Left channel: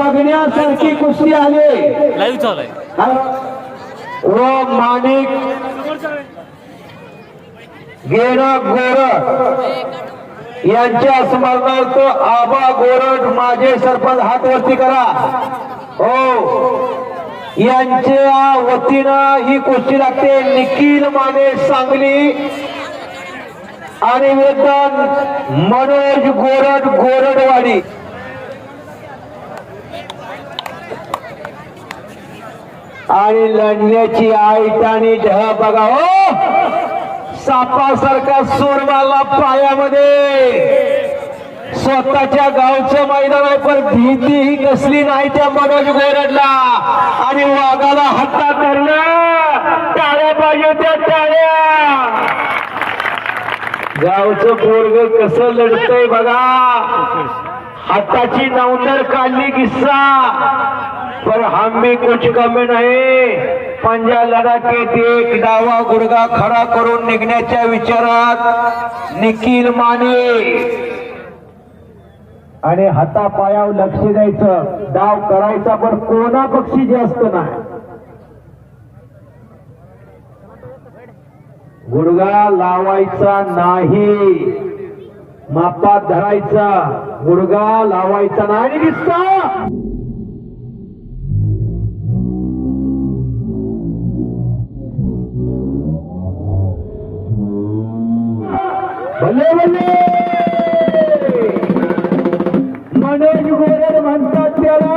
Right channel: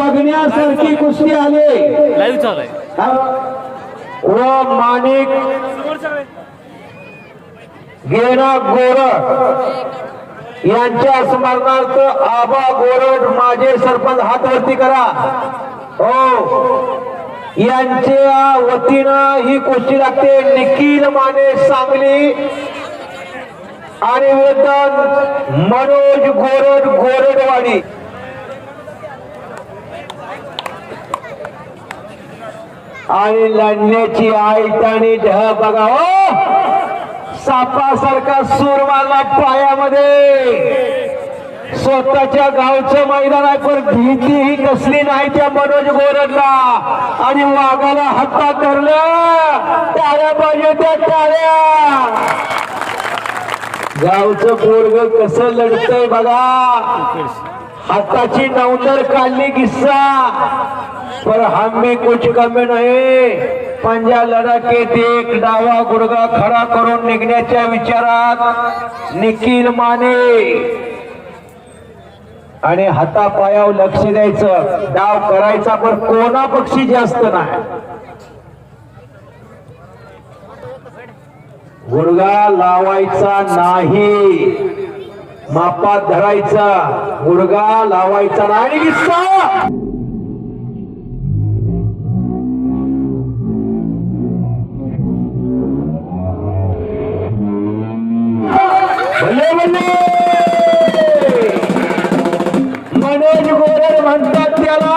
बघण्यासारखी कुस्ती आली. लाईव्ह चालू आहे. व माणिक. गेना यांच्या स्मरणार्थ आबा गोरड माझे सरपंच हात वरती करा. हो. यांच्या वतीनं ही कुस्ती लागते. निखिल माने सांगली. आणि वेतन मनोज गोरड गोरडवाडी आणि लढण्याची आईट आणि ढळ बघा हो! सापासारखा सूर मारला पायामध्ये. स्वतःच्या गावचं मैदान आहे पण भीती ही कसली नाही त्या मनोज गोरडला. आणि वाघाला हत्ता धरलं. टाळ्या पाहिजे त्या टाळ्या. गावचं पोरग कसं लढतंय बघा. हाताची नवतर काढली किस्सा. पर हमी कुछ कमी नाही। पंजा लढा एक डावा गुडगा खरा करून निघण्याच्या विचारात। निखिल माने। आणि हातापायावर लक्ष द्यायचं डाव करायचा पण कोणा पक्षी जास्त नाही. गुडगा लावायचा नाही मापात धरायचा. गुडगा लावायचा नाही मनोज गोरे म्हणतात त्याला